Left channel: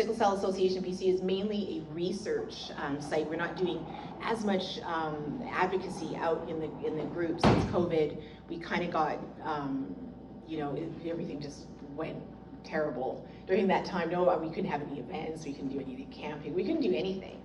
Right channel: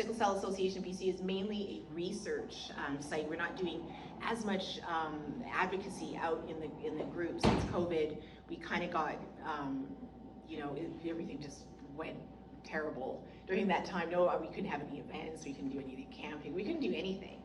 Sickle Cell Association BC is mainly a research site. We're not doing as much advocacy out in the group since COVID. We kind of got, you know, everything just went terrible during that time. No, we couldn't have any events. We couldn't do any camping. We couldn't do anything.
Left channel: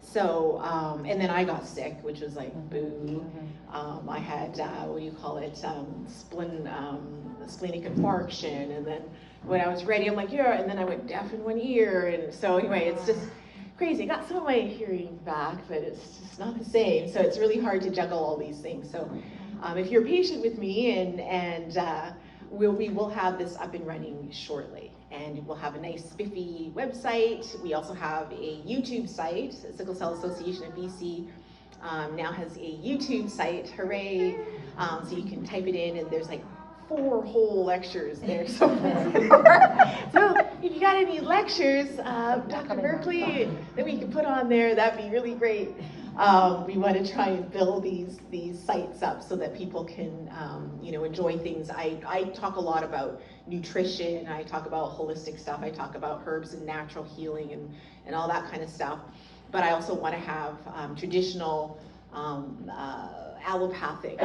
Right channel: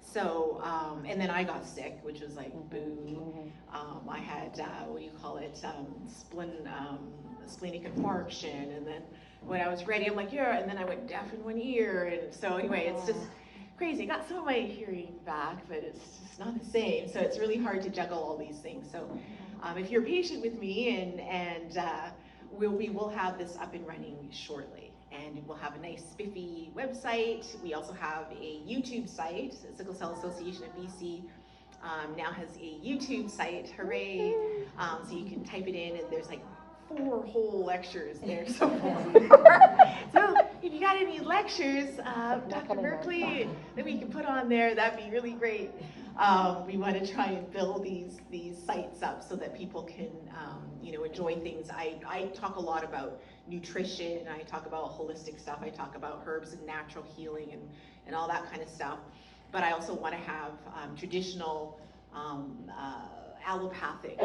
So, and then I got sick, which was like, boo. I had, what do you call it, splenic infarction, and then when I was ready, I'm like, yeah, and then I went deaf in one ear, and so anyway, it's just crazy. I got some of my hearing back, but it's just not the same, so it's really hard to juggle all these things. So if you're patient with me, and we will have this up and running shortly, and we'll have a nice spiffy website. We also have a YouTube site. Sickle Cell Association of BC now has a YouTube site, hooray. So you can type it in, and there's like 4 whole lectures there so far. So if you got any lectures, Dr. Berkeley, that we can put on there, that'd be really great. We want to try and build these sites up so that people can, you know, enjoy things. I talk a lot about nutrition. I talk about holistic stuff. I talk about herbs and natural healing and all that kind of stuff. But I also want to have traditional allopathic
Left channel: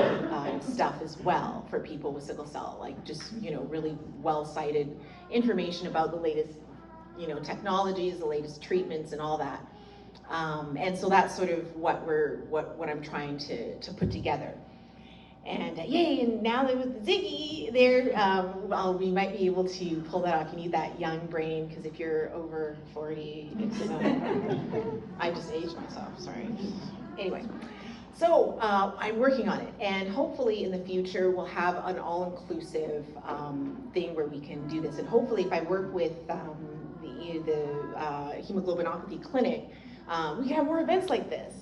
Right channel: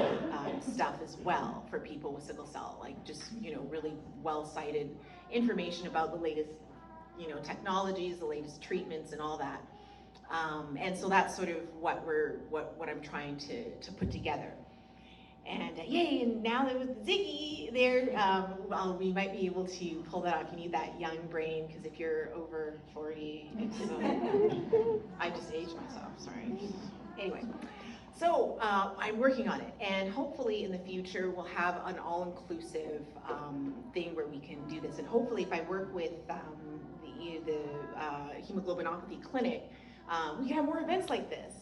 stuff as well for people with sickle cell, like just, you know, really well-cited information about the latest, you know, technologies, the latest treatments and all that. And so that's sort of what I'm trying to put together. And yay, and now that with Ziggy there, well, we might be able to pull that off. You need that young brain, because if you're over 40, it's, I just aged myself, sorry. Anyway, so I'm working on it, and hopefully in the future we'll have an all-inclusive thing where we can do this. And hopefully if I work with the hemoglobinopathy clinic, we can have more events like this.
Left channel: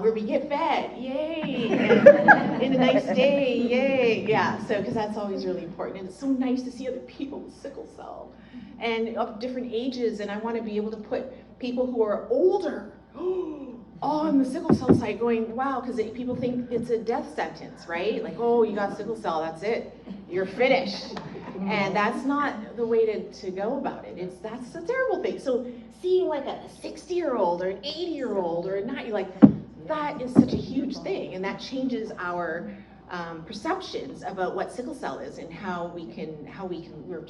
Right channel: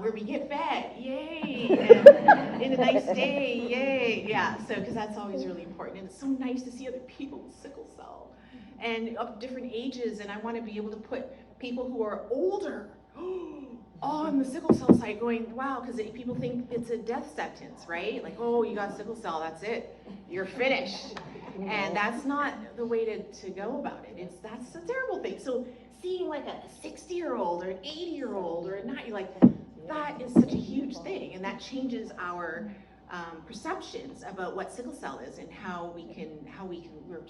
Where we get fed, yay, and in a nice day, yay, yeah, so, because that's always really important, and it's so nice to see other people with sickle cell, and of different ages, and I want to be able to put people who are older on the sickle cell site going, wow, because people think it's a death sentence, right? Like, oh, you got sickle cell, that's it, you're finished, and that's not the way to go about it. That's a terrible thing. So seeing like a 60-year-old or an 80-year-old or a 90, like, that is such a huge thing, and that changes our perceptions about what sickle cell is and how we can we're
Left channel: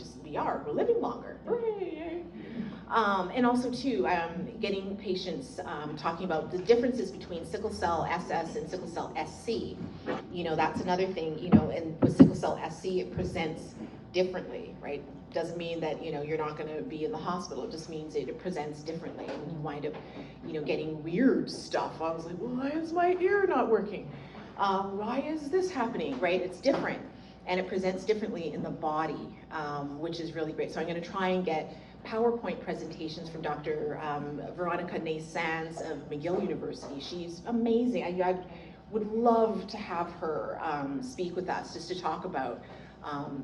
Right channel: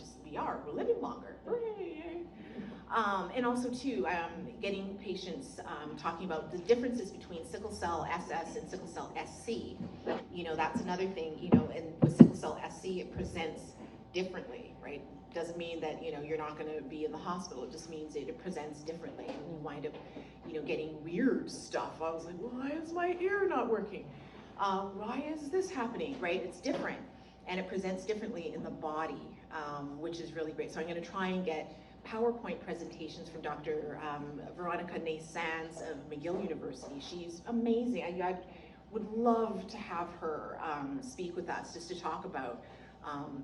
living longer. And also too, getting patients talking about the differences between sickle cell SS and sickle cell SC. You know, that's another thing, you know, and with sickle cell SC, it presents differently, right? Doesn't mean that, you know, you're not going to be in the hospital. It just means it presents differently, and you wind up, you know, getting weird stuff. I was like, why is my ear not working? Why is this happening, right? It's different, and it presents differently in the body, which is really great. So I'm going to try and get PowerPoint presentations from Dr. Veronica Ney-Sands of McGill University. She's amazing. I would love to have her speak with us just to talk about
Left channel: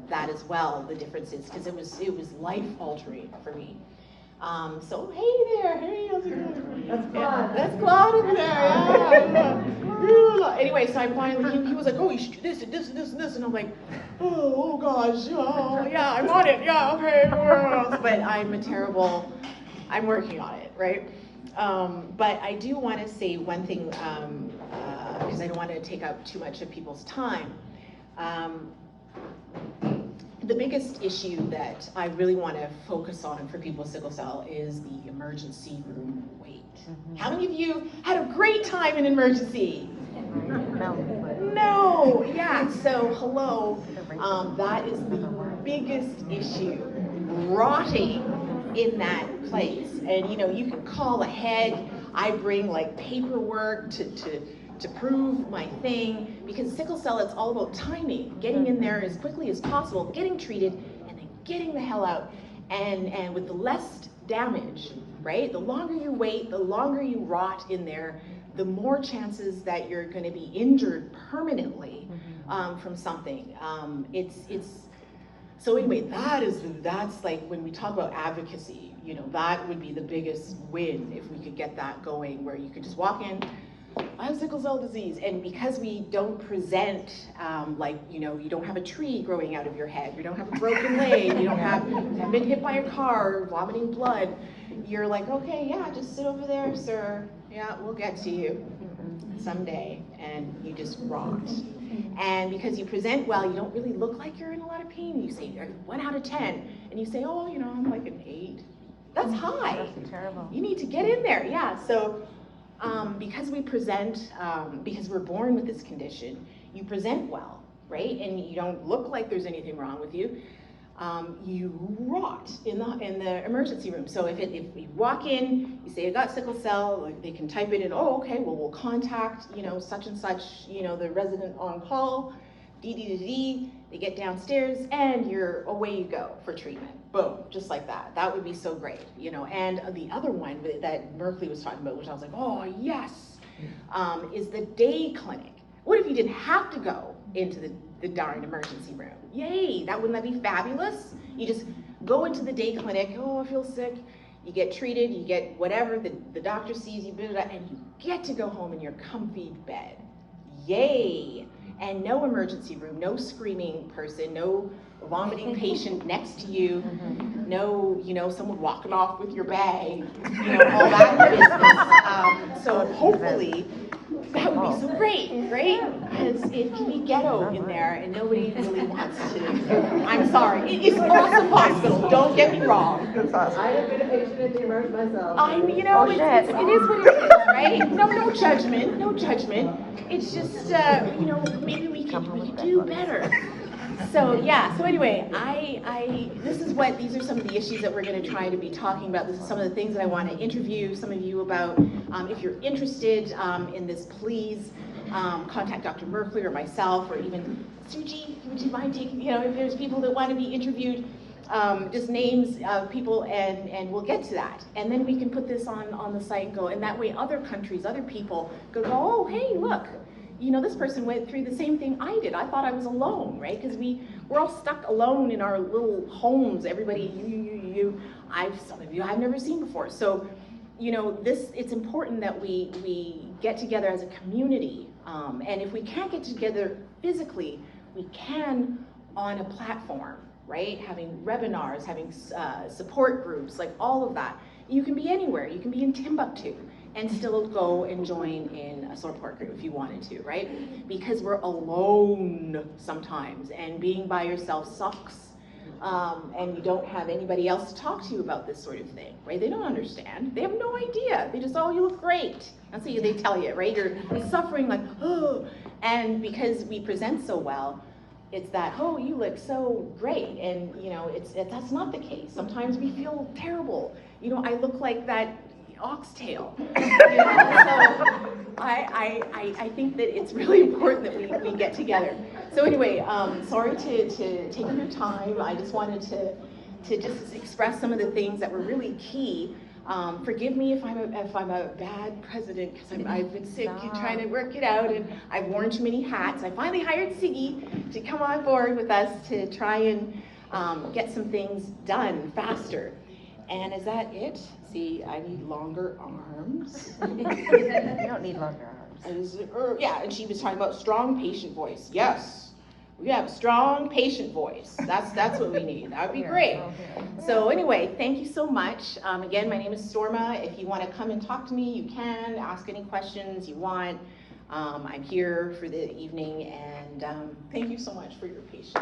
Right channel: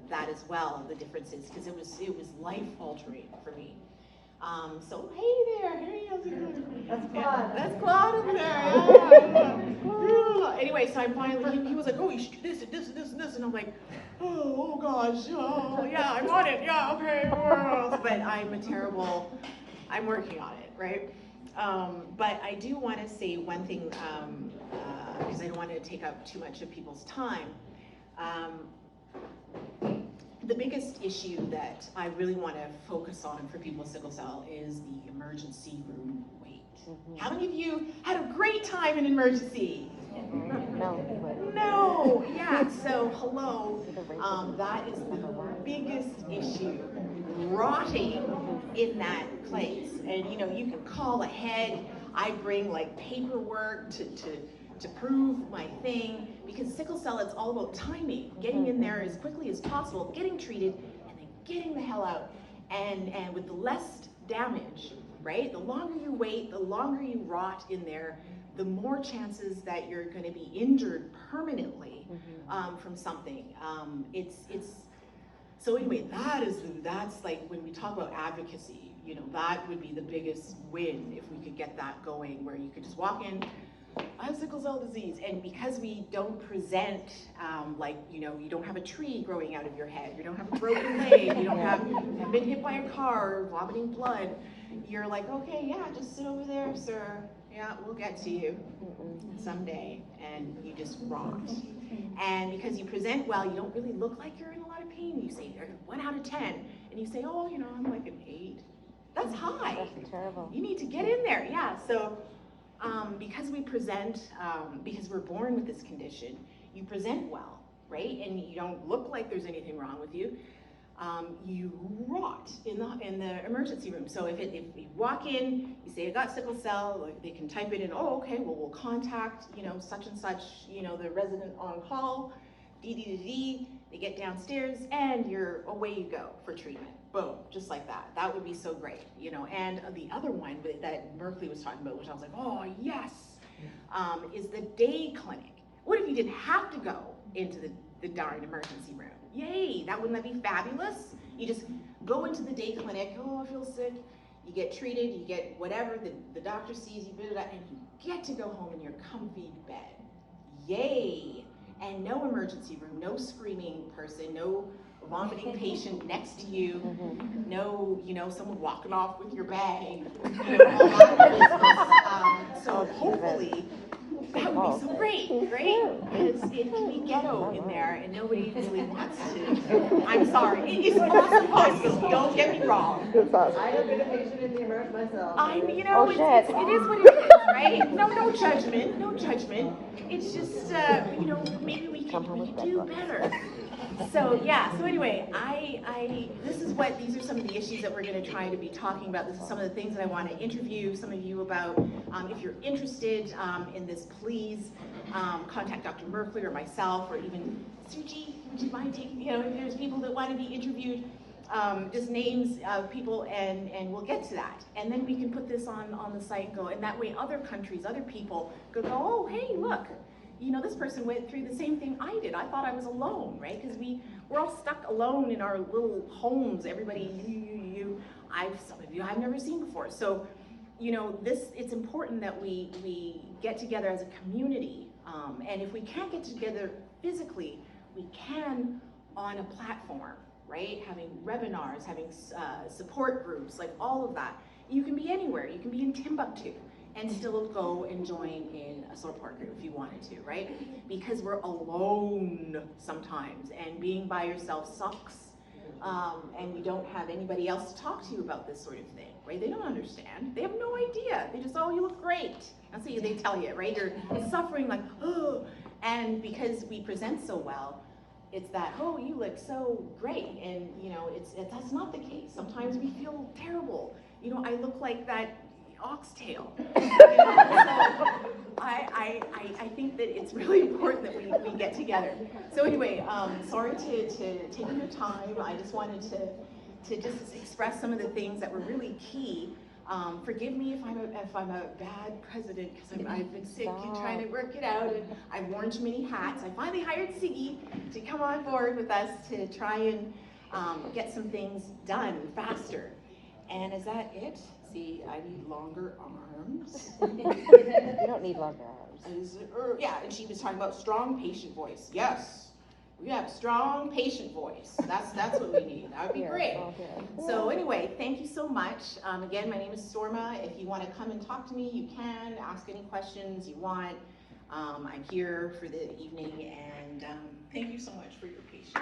that as well, the differences, because it was life-altering for me. So hey there, hey, how's it going? That's Claude over there, yeah. Anyway, so I finally, he was like, oh, you should do this and this and this and this, and I'm like, oh gosh, oh yeah, I'm on it, yeah, okay, but I'm working on it, right? But I do want to say one thing, because I don't want to take up too much of people's time. The biggest issue that I really want to focus on for people with sickle cell is the emergency room wait. How many of you had a great time in emergency? No, yeah, so hello, that is the biggest issue, rotting in that place. And you know, you can call ahead. I bring like paperwork to prove my thing, because sickle cell, it's all about timing, getting in there as quickly as possible, getting treated, and then getting the hell out. And with the less damage, right? The longer you wait, the longer you rot in there, the more chances that you're going to be injured permanently from something. So anyway, that's like when we talk about advocacy, you know, that would be the biggest win if we could get that going, where you could just walk in, I have sickle cell disease. And because we don't present, like, you know, you don't have a tree growing out of your head, you don't have a broken leg, you haven't been hit by a car or vomiting blood, you're like, okay, yeah, just sit over there, sir. Yeah, we'll get to you someday. And you just rot. And because you present well, you don't really look like you're in a lot of pain. You say, 1 out of 10. And you say, oh, you know, I'm like an 8. That's high. That's terrible. You need to get in there. Yeah, so because we present, because we're born with this condition, you present well, right? And you don't look like there's anything wrong with you. You rot in the emergency room. So if you walk in, you say I got sickle cell, like they can type it in. Oh, okay. Well, we'll contact, you know, such and such, you know, the resident on call. They get downstairs, and away you go for treatment. Boom, just like that. That would be so great, you know. And the other one that Merkley was talking about, which I was like, oh yes, is the day clinic. What if you didn't have to go into the darn emergency room? Yay, wouldn't that be fabulous? You just go into the day clinic, oh, I feel sick. You get treated, you get whatever, the doctor sees you, and you get to go home in your comfy bed. Yay. And no emergency room, no screaming person, no vomiting patient next to you, no, you know, someone walking off with your bag, you know, all that business. So hopefully, that would be so great, right? Because it can be ghetto in there, and nobody really wants to. I'm sorry, it's an awesome hospital. Don't get me wrong. I have been a patient at the emerge myself. You know, it is what it is, right? No judgment, no judgment. It's just, you know, maybe we could do better. So yeah. So anyway, these are some of the issues that we're going to try to be talking about. This is some of the things that I want to interview some of you about. If you're interested in this, please contact Dr. Merkley or myself, or even Suji. Would you mind taking? You know, if there's people that want to be interviewed, just names of people, and we'll get to that. And then we can put this on the site and go. And that way, other countries, other people go, oh, hey, look. You know, this person went through the same thing I did. I thought I was alone, right? Because we're all stuck alone in our little homes. Everybody, some of you I've never seen before. So, you know, it's important that we get together as a community. And if we can't get together physically, we can on a platform, right? Having webinars, having support groups, like all of that. You can be anywhere. You can be in Timbuktu and still go and join in a support group if you wanted to, right? Because we're alone sometimes, and being by yourself sucks, and you don't have anybody else to talk to you about this sort of thing, right? They don't understand. They have no idea. They just, oh, you look great. That's what they tell you, right? You're suffering like, oh, and because we present so well, it's that, oh, you look so great, and you know, that's not the case. Sometimes we feel terrible. You know, I look like that oxtail. You know? So I think that it's really important that we get together. So anyway, sorry to take your time. I just wanted to just express some of the things that were really key. Forgive me if I'm a bad president, because I've been sick and trying to work it out, and I've worn too many hats. I finally hired Siggy to come on board with us to try and get some things done faster. And is that it? See, I need longer arms. You don't need longer arms. Yeah, and she was talking about strong patient voice. Yes, we have strong patient voice. That's what we need. That would be great. So anyway, thank you so much. Again, my name is Storma. If you want to come and talk to me, you can. Ask any questions you want. I'm here for the evening, and thank you so much for your patience.